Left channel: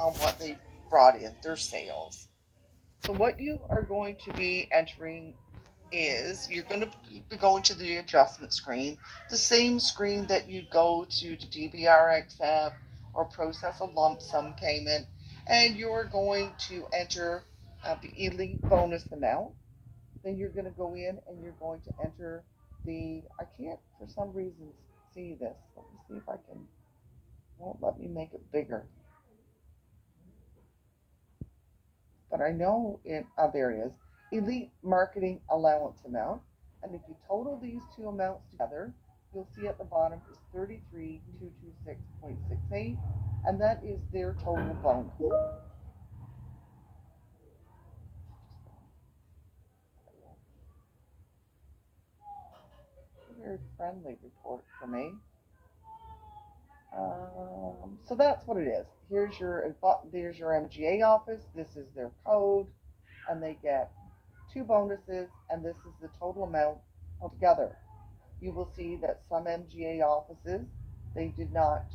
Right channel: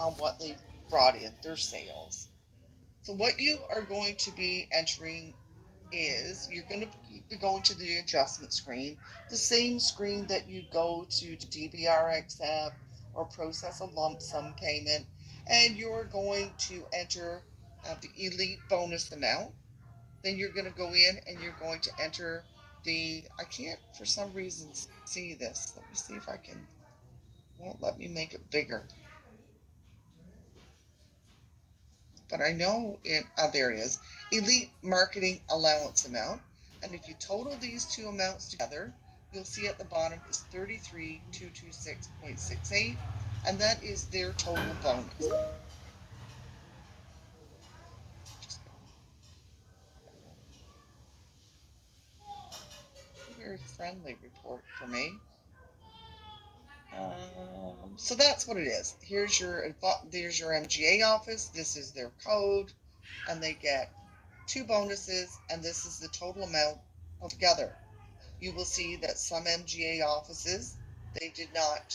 on what they brought in, their sales. So what you are going to be entering is you're going to be going to the adjustment screen, the same screen that you go to DBR accept or process a lump sum payment, and you're going to enter the elite bonus amount. Then you're going to go in and you're going to enter I can't for some reason see this. Let me see if I can, won't let me make it bigger. But I know there it is, elite marketing allowance amount. And if you total these two amounts together, you'll see at the bottom is 33,226.68, and that is their total bonus. A very friendly report for me. So that's what it is. There's your MGA office. This is their code, and they get two bonuses, and this is the total amount altogether. You will see that some MGA offices, they did not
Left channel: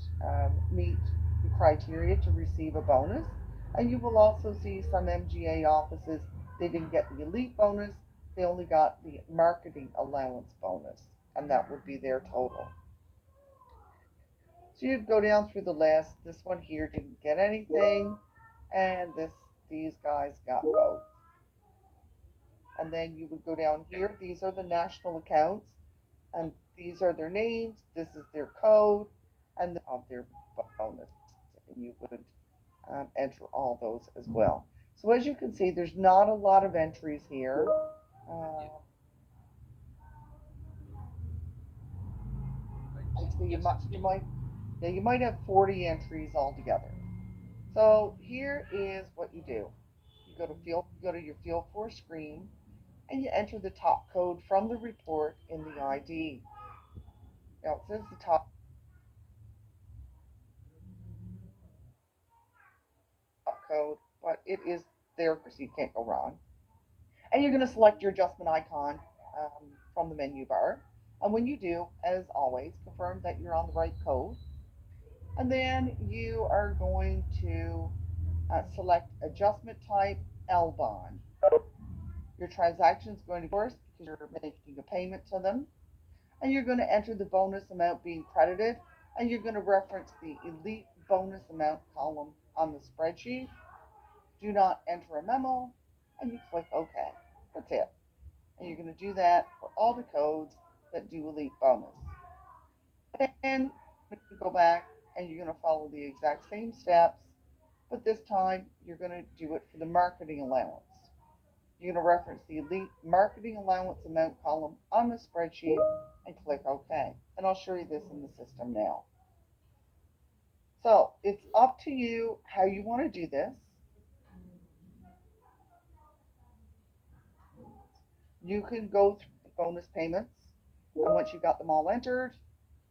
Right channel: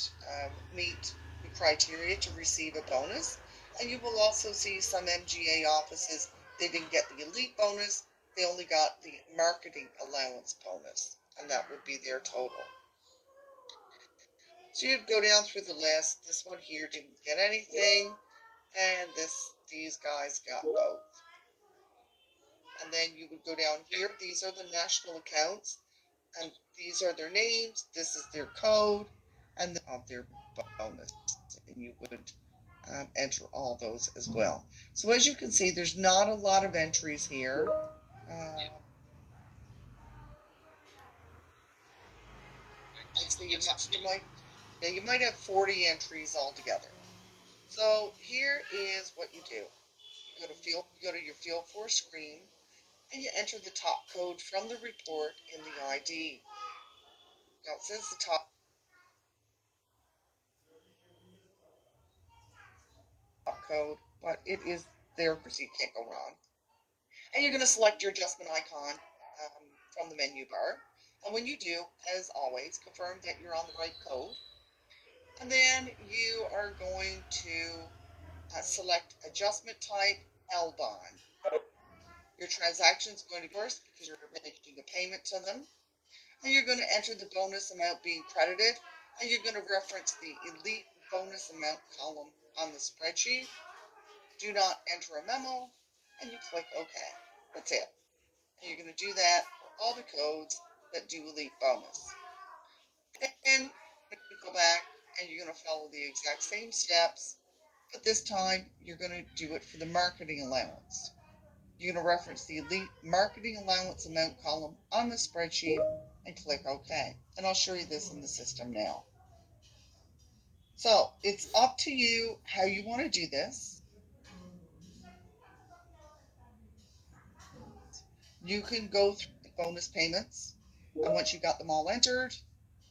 meet the criteria to receive a bonus. And you will also see some MGA offices, they didn't get the elite bonus, they only got the marketing allowance bonus, and that would be their total. So you'd go down through the list. This one here didn't get anything, and these guys got both. And then you would go down here. These are the national accounts, and these are their names. This is their code, and they have their bonus. And you would enter all those as well. So as you can see, there's not a lot of entries here. Uh, so you might have 40 entries altogether. So here is what you do. You go to your Field Force screen, and you enter the top code from the report in the ID. Now it says the top code, but it is there so you can't go wrong. And you're going to select your adjustment icon from the menu bar. And when you do, as always, confirm that you're on the right code. And then you are going to select adjustment type LBON. Your transaction is going to be first because you're making a payment to them. And you're going to enter the bonus amount being credited. And you're going to reference the elite bonus amount column on the spreadsheet. Do not enter a memo. And you click OK. That's it. And you're going to do that for all the codes that do elite bonus. And you go back and you're going to follow the exact same steps, but this time you're going to do it for the marketing allowance. You're going to reference the elite marketing allowance amount column on the spreadsheet and click OK. And I'll show you this in the system now. So it's up to you how you want to do this. You can go through the bonus payments, and once you got them all entered,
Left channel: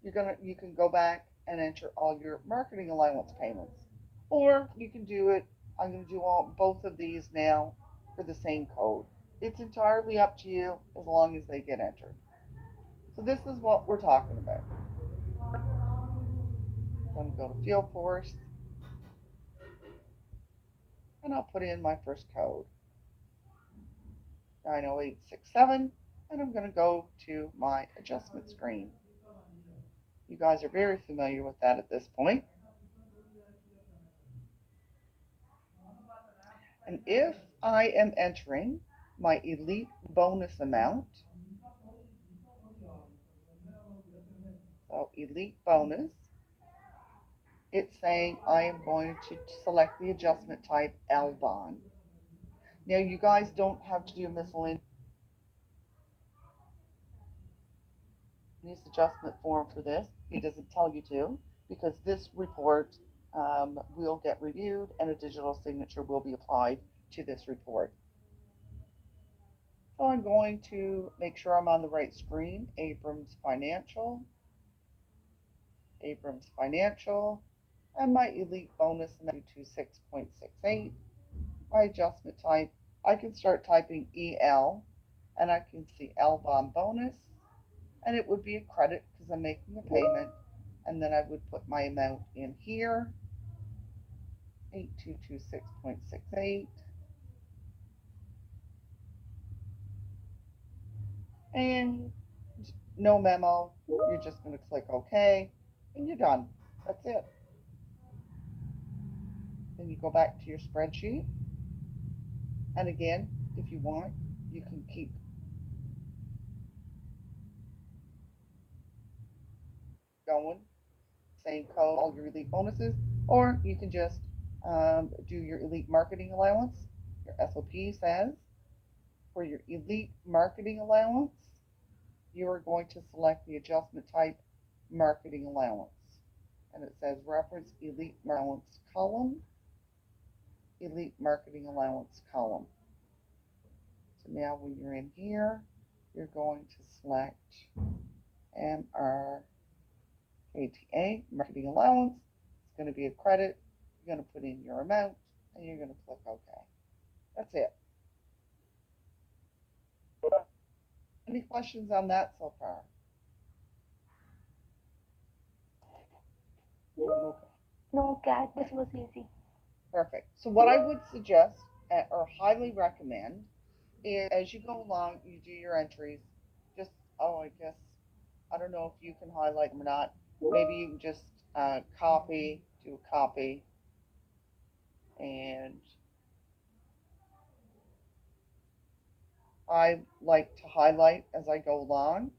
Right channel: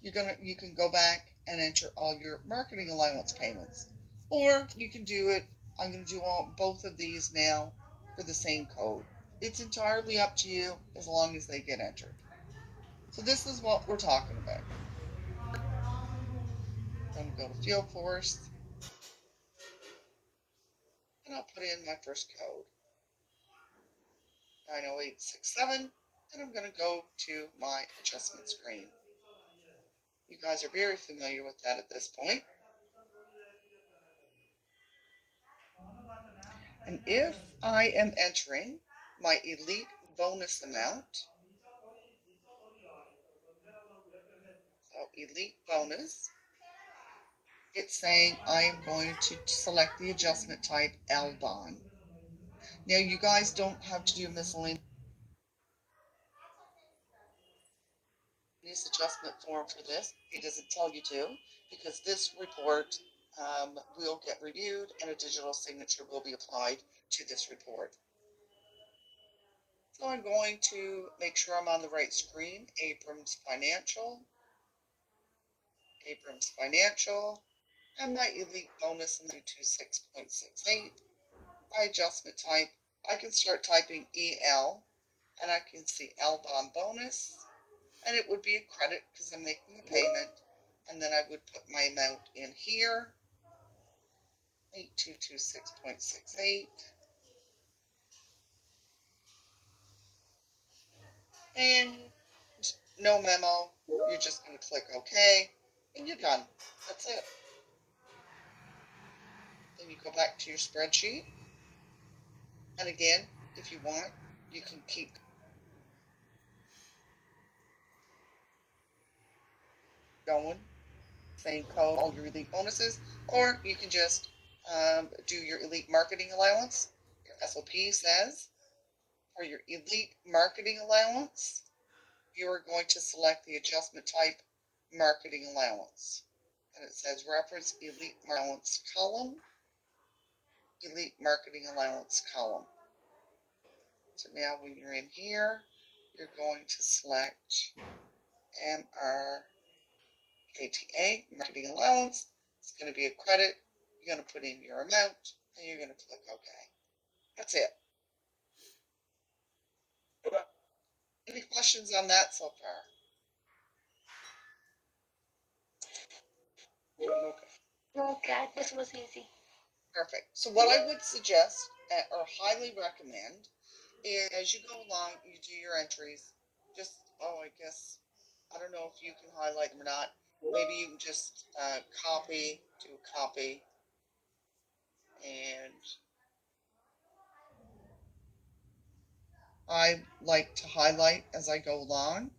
you can go back and enter all your marketing allowance payments. Or you can do it, I'm going to do both of these now for the same code. It's entirely up to you as long as they get entered. So this is what we're talking about. I'm going to go to Field Force, and I'll put in my first code, 90867, and I'm going to go to my adjustment screen. You guys are very familiar with that at this point. And if I am entering my elite bonus amount, so elite bonus, it's saying I am going to select the adjustment type LBON. Now you guys don't have to do a miscellaneous adjustment form for this. It doesn't tell you to, because this report will get reviewed and a digital signature will be applied to this report. So I'm going to make sure I'm on the right screen. Abrams Financial, and my elite bonus in 226.68. My adjustment type, I can start typing EL, and I can see LBON bonus, and it would be a credit because I'm making a payment, and then I would put my amount in here, 8226.68. And no memo. You're just going to click OK, and you're done. That's it. Then you go back to your spreadsheet. And again, if you want, you can keep going, same code, all your elite bonuses, or you can just do your elite marketing allowance. Your SOP says for your elite marketing allowance, you are going to select the adjustment type marketing allowance. And it says reference elite allowance column, elite marketing allowance column. So now when you're in here, you're going to select MRKTA, marketing allowance. It's going to be a credit. You're going to put in your amount and you're going to click OK. That's it. Any questions on that so far? No, Kat, this was easy. Perfect. So what I would suggest or highly recommend is as you go along, you do your entries. Just, I guess, I don't know if you can highlight them or not. Maybe you can just copy, do a copy, and I like to highlight as I go along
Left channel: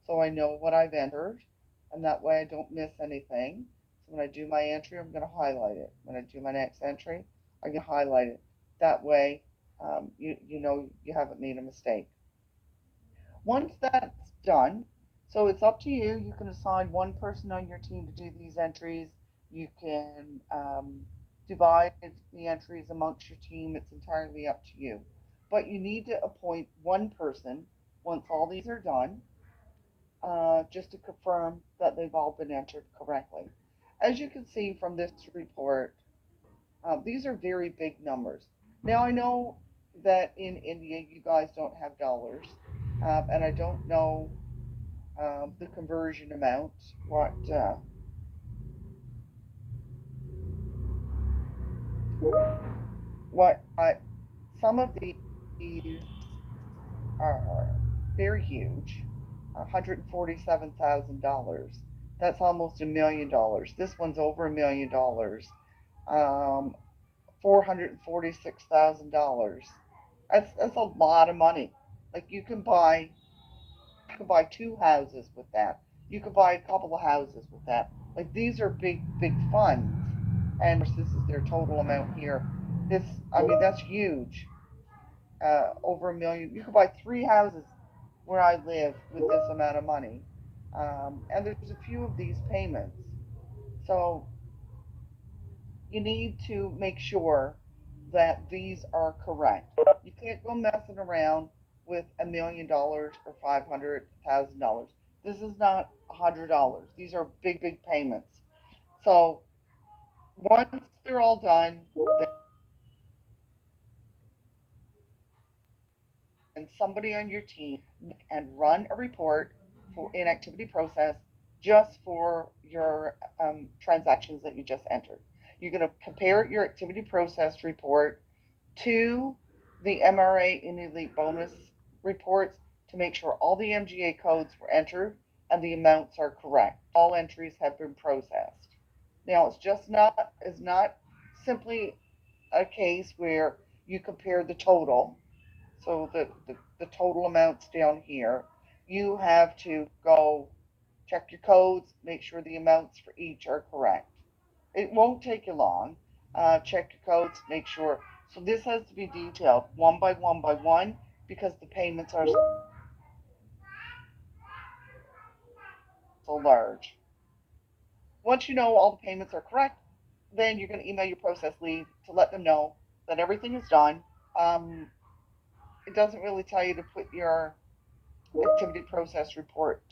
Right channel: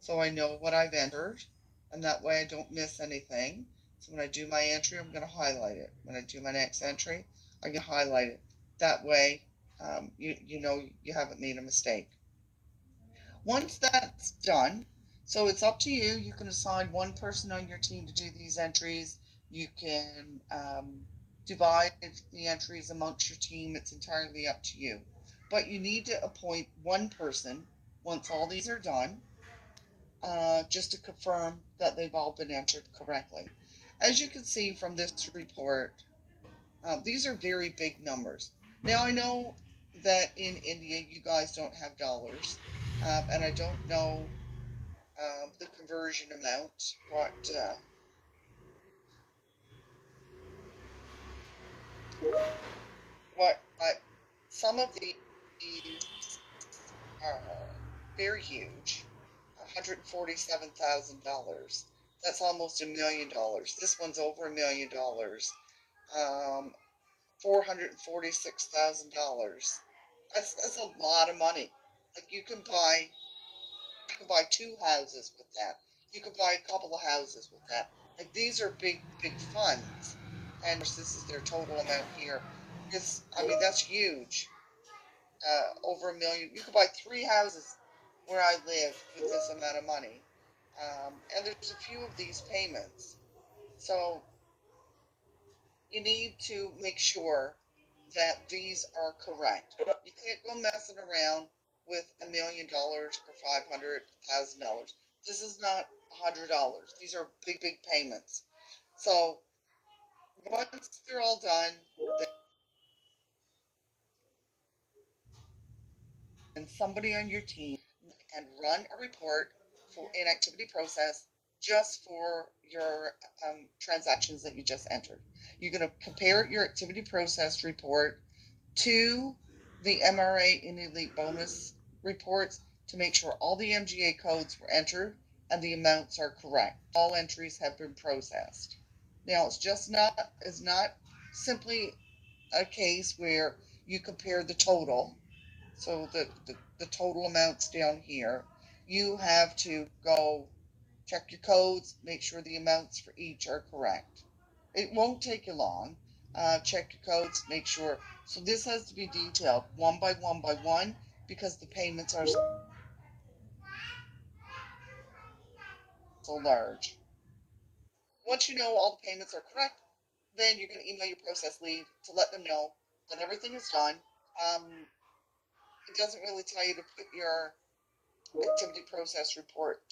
so I know what I've entered, and that way I don't miss anything. So when I do my entry, I'm going to highlight it. When I do my next entry, I'm going to highlight it. That way, you know you haven't made a mistake. Once that's done, so it's up to you. You can assign one person on your team to do these entries. You can divide the entries amongst your team. It's entirely up to you. But you need to appoint one person once all these are done, just to confirm that they've all been entered correctly. As you can see from this report, these are very big numbers. Now, I know that in India you guys don't have dollars, and I don't know the conversion amount, what some of these are very huge. $147,000. That's almost $1 million. This one's over $1 million. Um, $446,000. That's a lot of money. Like you can buy two houses with that. You could buy a couple of houses with that. Like these are big funds, and this is their total amount here. I mean, that's huge. Over $1 million. You could buy three houses where I live with this amount of money. And there's a few of these payments. So you need to make sure that these are correct. You can't go messing around with $1 million or $500,000. This is not $100. These are big payments. So once they're all done, then somebody on your team and run a report for inactivity process just for your transactions that you just entered. You're going to compare your activity process report to the MRA and Elite bonus reports to make sure all the MGA codes were entered and the amounts are correct. All entries have been processed. Now it's not simply a case where you compare the total, so the total amounts down here. You have to go check your codes, make sure the amounts for each are correct. It won't take you long. Check your codes, make sure. So this has to be detailed one by one because the payments are so large. Once you know all the payments are correct, then you're going to email your process lead to let them know that everything is done. Um, it doesn't really tell you to put your activity process report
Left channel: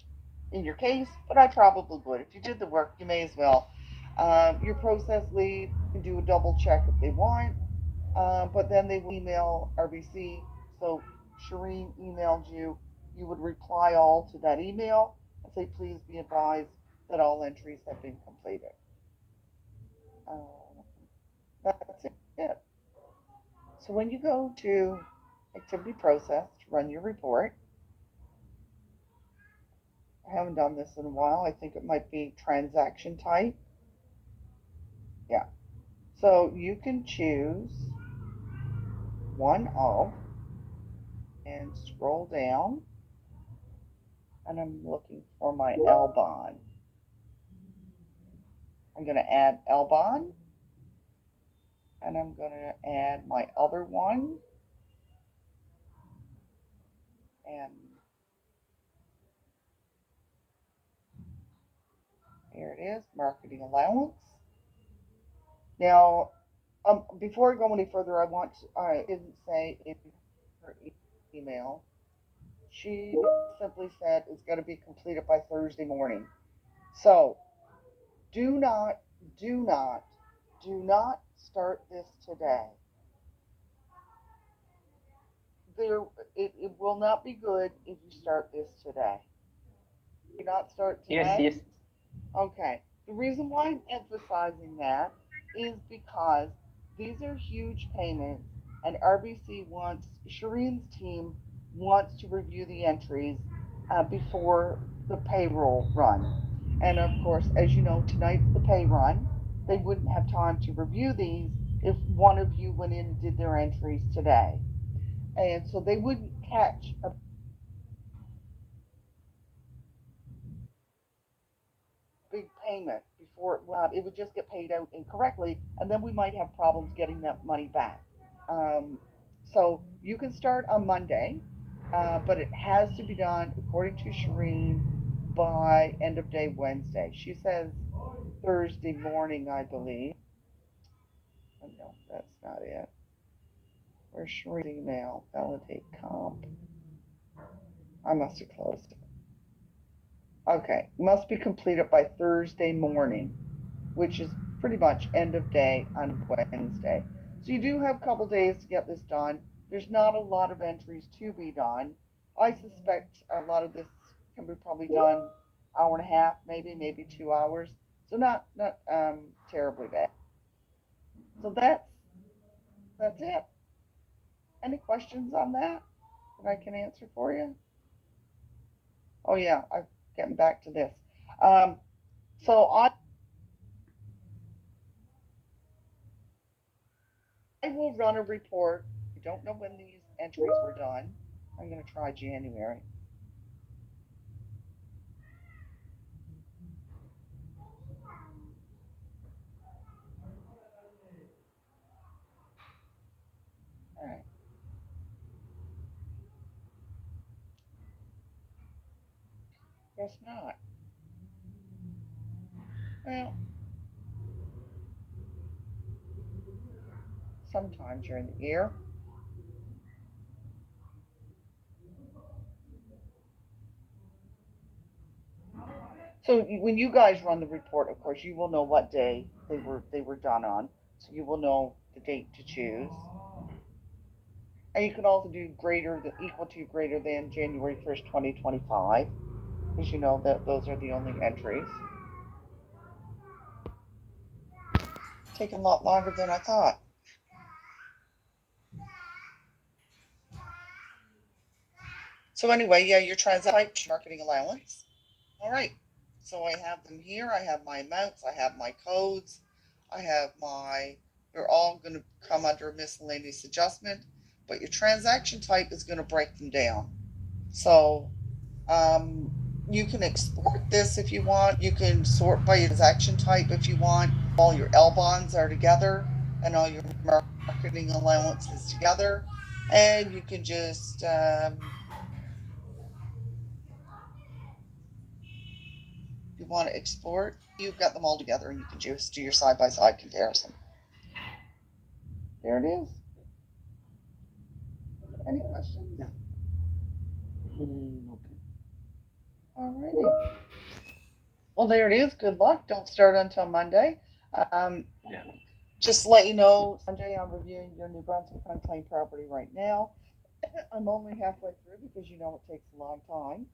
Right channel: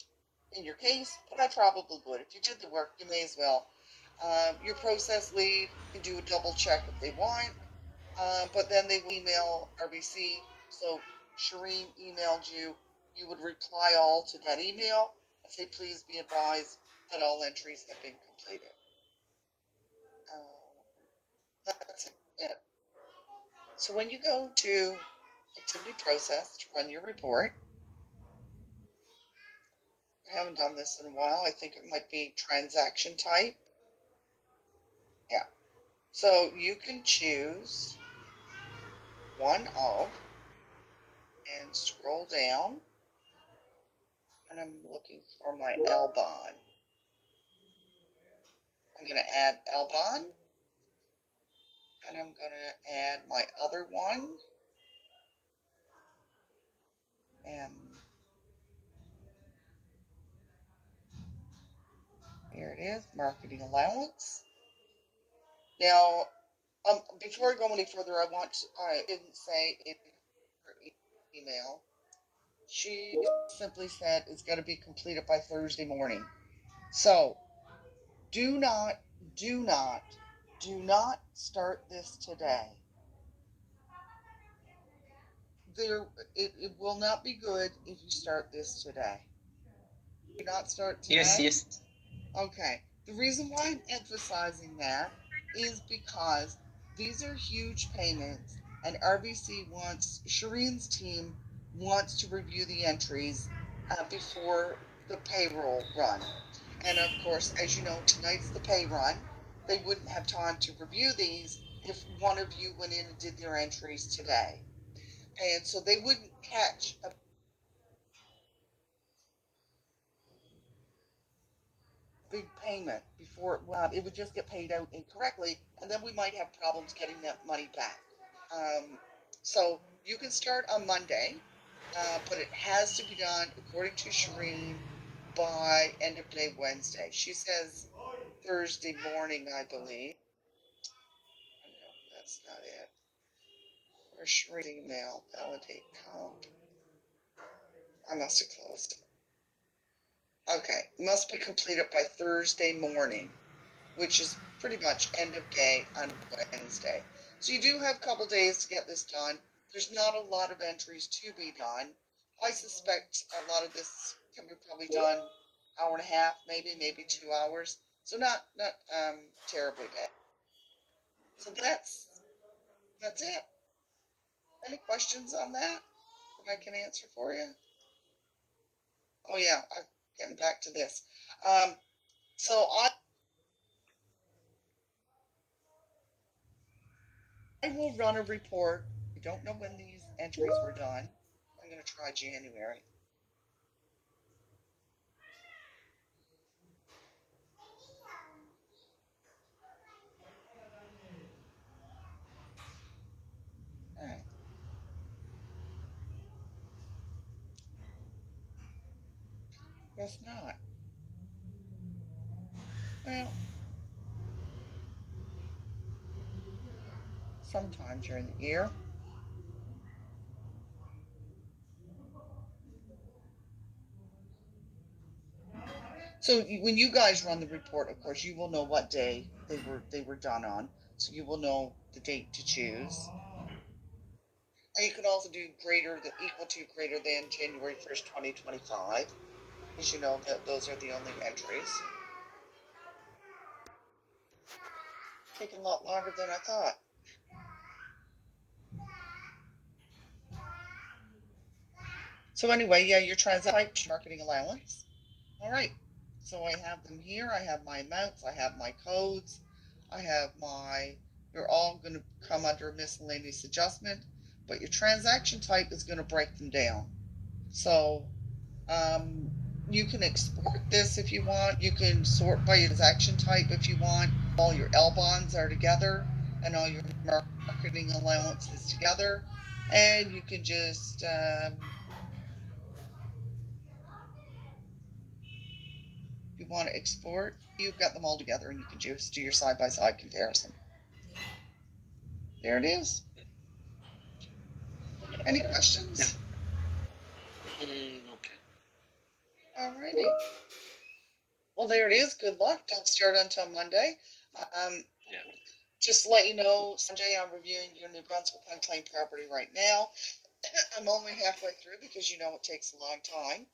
in your case, but I probably would. If you did the work, you may as well. Your process lead can do a double check if they want, but then they will email RBC. So Shireen emailed you. You would reply all to that email and say, please be advised that all entries have been completed. Um, That's it. So when you go to activity process to run your report, I haven't done this in a while. I think it might be transaction type. Yeah. So you can choose one of and scroll down. And I'm looking for my Elbon. I'm going to add Elbon. And I'm going to add my other one. And here it is, marketing allowance. Now, before I go any further, I didn't say in her email, she simply said it's going to be completed by Thursday morning. So do not, do not, do not start this today. It will not be good if you start this today. Do not start today. Yes, yes. Okay. The reason why I'm emphasizing that is because these are huge payments, and RBC wants, Shireen's team wants to review the entries before the payroll run. And of course, as you know, tonight's the pay run. They wouldn't have time to review these if one of you went in and did their entries today. And so they wouldn't catch a big payment before it would just get paid out incorrectly, and then we might have problems getting that money back. Um, so you can start on Monday, but it has to be done according to Shireen by end of day Wednesday. She says Thursday morning, I believe. Oh, no, that's not it. Where's Shireen's email? Validate comp. I must have closed it. Okay, must be completed by Thursday morning, which is pretty much end of day on Wednesday. So you do have a couple days to get this done. There's not a lot of entries to be done. I suspect a lot of this can be probably done hour and a half, maybe 2 hours. So not terribly bad. So that's it. Any questions on that I can answer for you? Oh yeah, I'm getting back to this. So I will run a report. I don't know when these entries were done. I'm going to try January. All right. Guess not. Well, sometime during the year. So when you guys run the report, of course, you will know what day they were done on. So you will know the date to choose. And you can also do greater than equal to greater than January 1st, 2025, because you know that those are the only entries. Taking a lot longer than I thought. So anyway, yeah, your transaction marketing allowance. All right. So I have them here. I have my amounts. I have my codes. I have my, they're all going to come under miscellaneous adjustment, but your transaction type is going to break them down. So um, you can export this if you want. You can sort by transaction type if you want. All your L bonds are together and all your marketing allowances together. And you can just you want to export, you've got them all together and you can just do your side-by-side comparison. There it is. Any questions? Okay. Alrighty. Well, there it is. Good luck. Don't start until Monday. Yeah. Just to let you know, Sanjay, I'm reviewing your New Brunswick unclaimed property right now. I'm only halfway through because you know it takes a long time.